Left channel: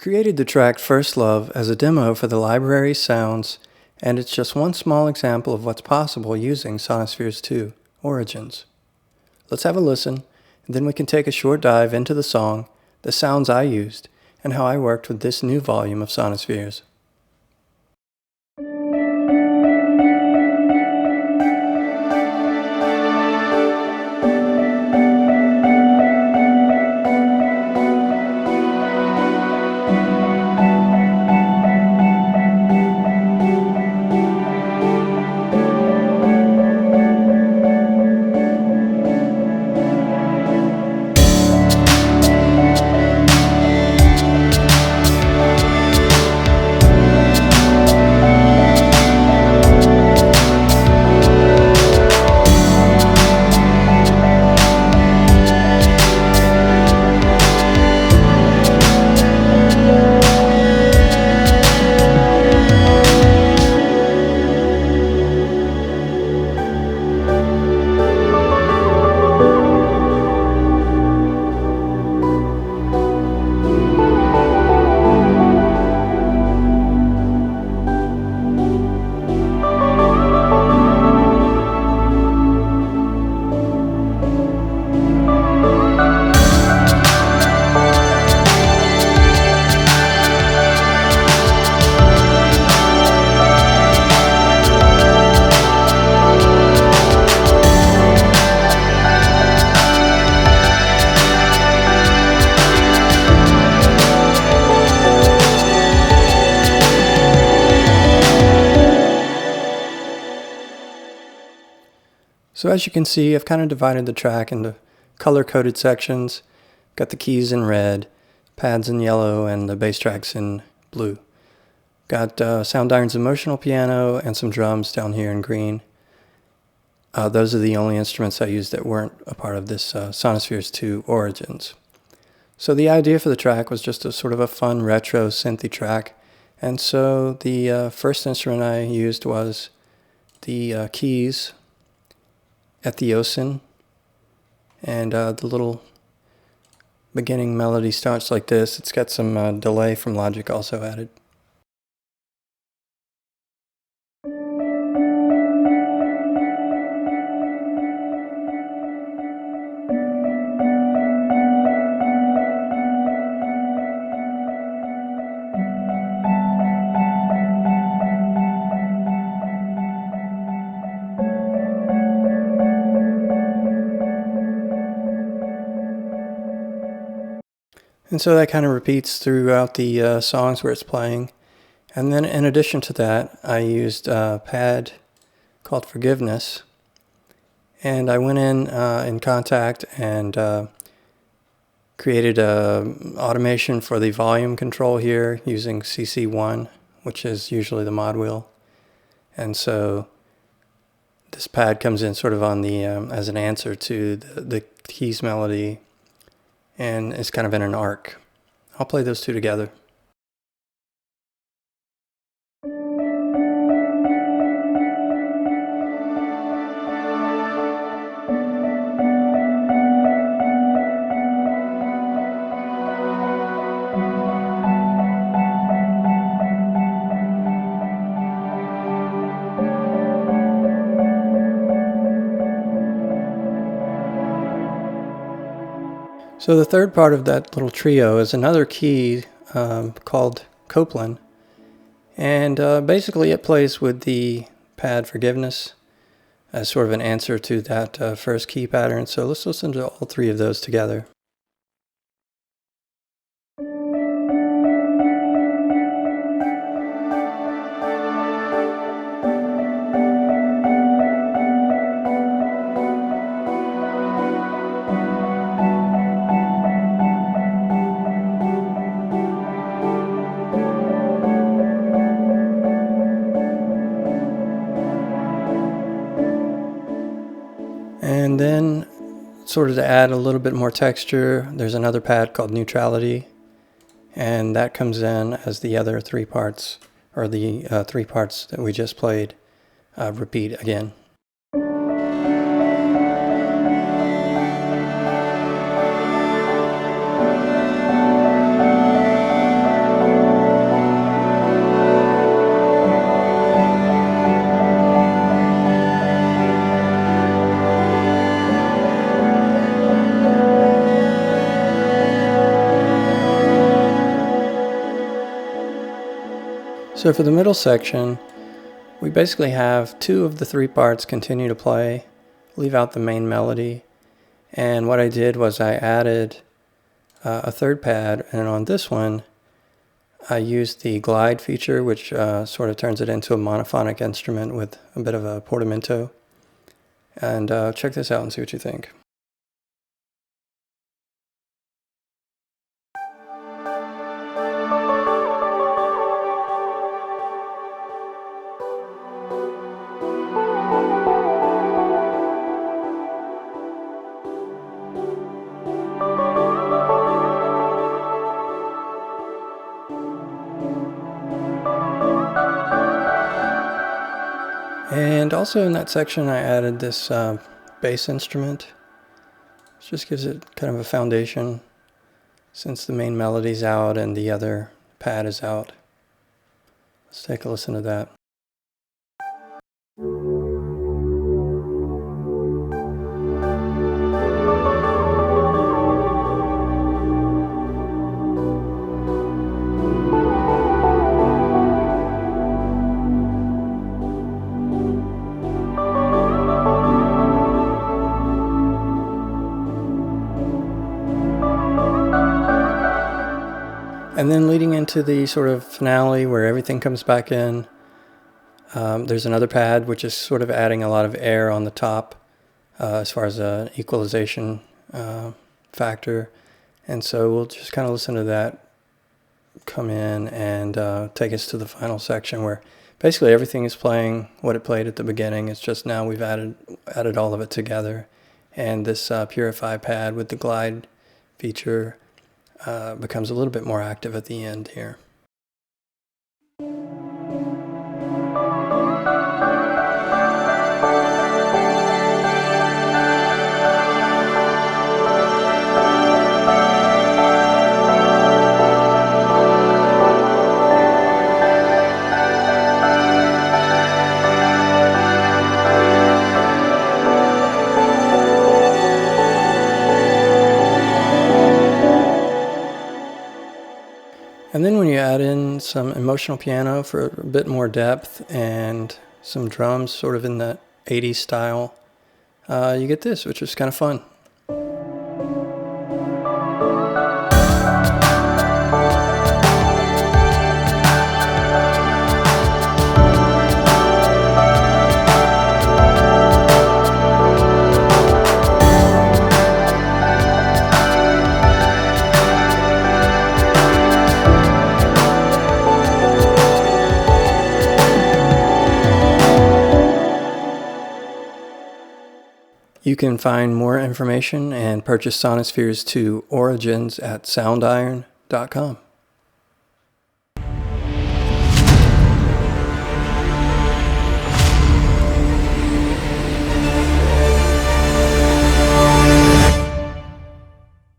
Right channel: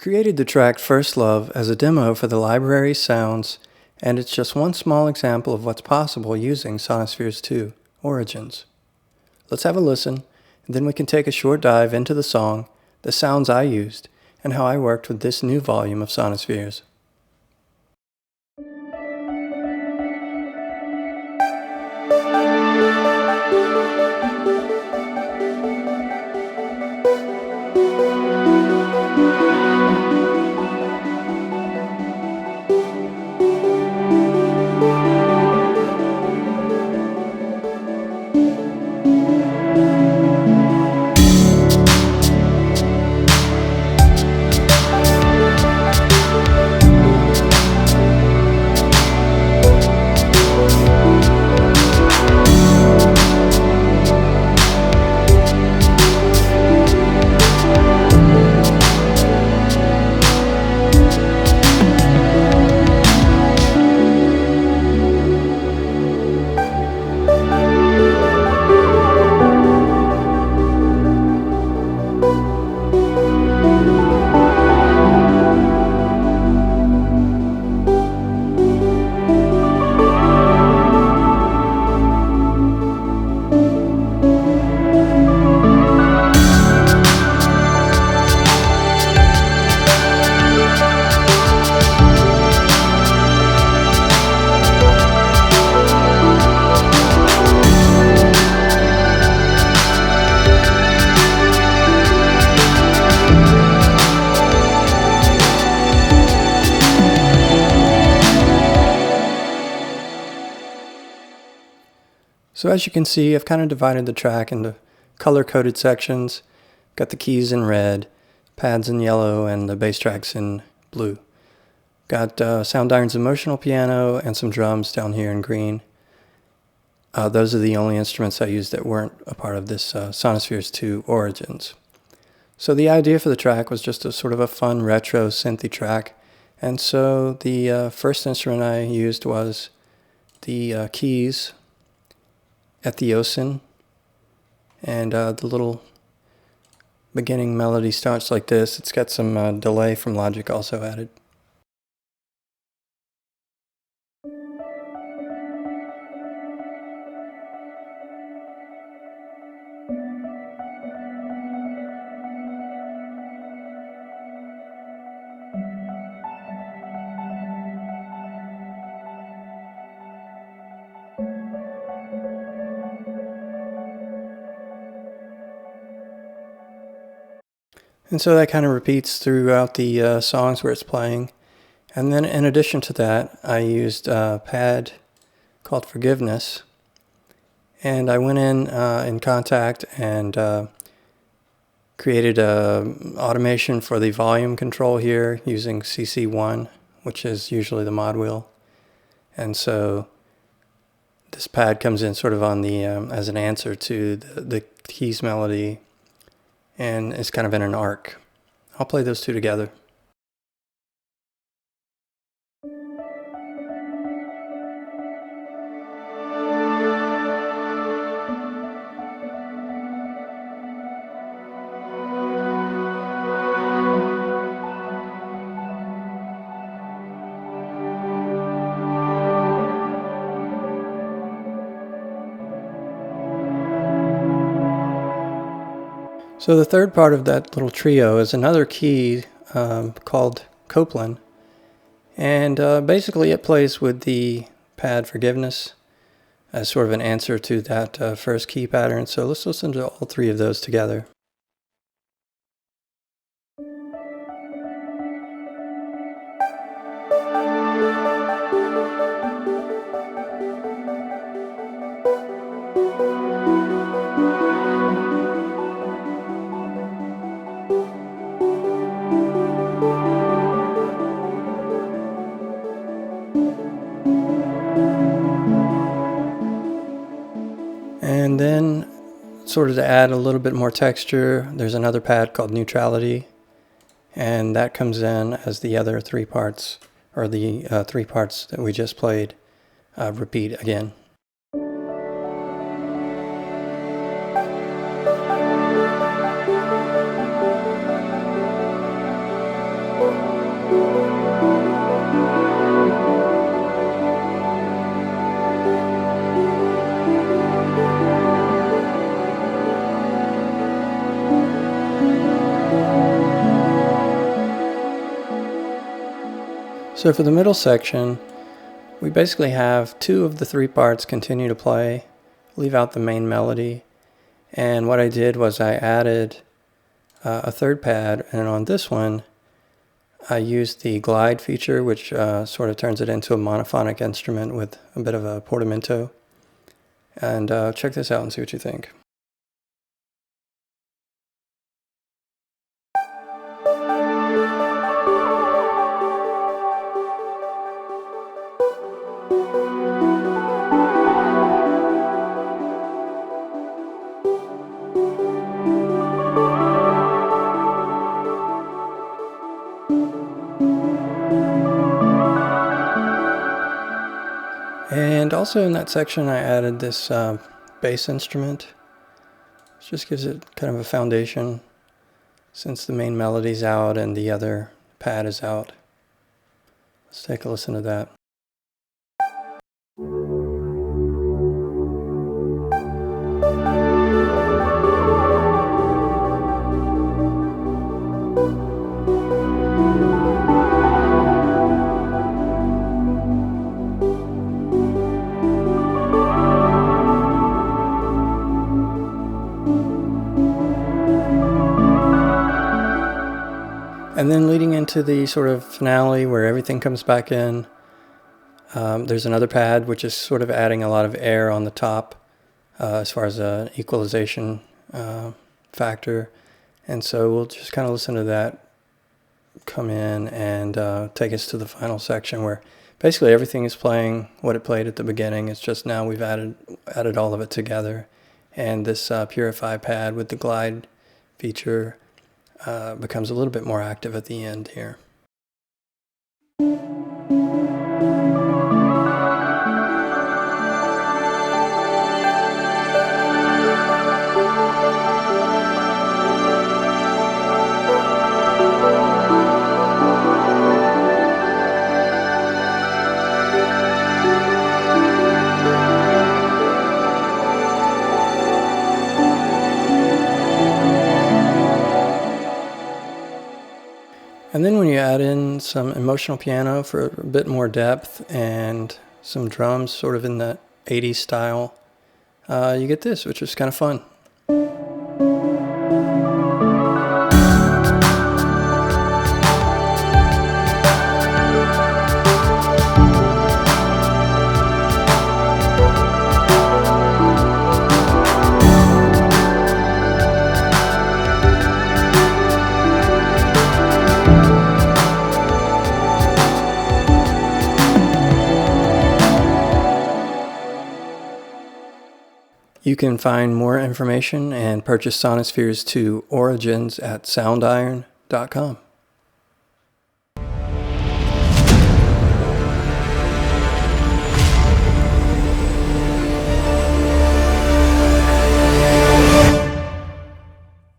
Created the track First Love as a demo for the library Sounds, and it's just one small example of what's possible using Sonespheres 2, Origins. Let's have a listen, and then we can take a short dive into the song, the sounds I used, and how I worked with this new volume of Sonespheres. So as you can see, I've kind of divided the track into color-coded sections. Got the keys in red, pads in yellow, and the bass tracks in blue. Got Soundiron's emotional piano and some drums down here in green. Those are the only instruments I used that weren't a part of this Sonespheres 2 Origins. So the idea for the track was just a sort of a fun retro synthy track. And so the first instrument I used was the keys at the Osin, and the little beginning melody starts like this. It's got some delay from Logic also added. And so that kind of repeats throughout the songs where it's playing. And then in addition to that, I used a pad called Forgiveness. And I went in Contact and created a automation for the volume control here using CC1, which is usually the mod wheel. And so this pad comes in sort of on the as an answer to the keys melody, and it's kind of in an arc. I'll play those two together. So the third part of that little trio is another key called Copeland, and basically it plays with the pad Forgiveness as sort of an answer to that first key pattern. So let's listen to all three of those together. And then, sort of to add a little bit more texture, there's another pad called Neutrality, and that comes in as the other three parts, or the three parts that we just played, repeat again. So for the middle section, we basically have 2 of the 3 parts continue to play, leave out the main melody, and what I did was I added a 3rd pad, and on this one I used the glide feature, which sort of turns it into a monophonic instrument with a bit of a portamento. And check this out and see what you think. And also in that section I added this bass instrument. It just gives it kind of a foundation since the main melody's out and the other pad is out. Let's take a listen to that. And then leading into the sort of finale where everything comes back in, there's another pad which is sort of adding a lot of air on the top as far as an equalization factor. And so we'll just kind of listen to that come in and take us to the final section where basically everything is playing what it played at the beginning. It's just now we've added all of it together. And this Purify pad with the glide feature becomes a little bit more active at the end here. And then when you add in some emotional piano for a bit more depth and some drums sort of in the 80s style, you get this, which is kind of fun. You can find more information and purchase Sonespheres 2 Origins at soundiron.com.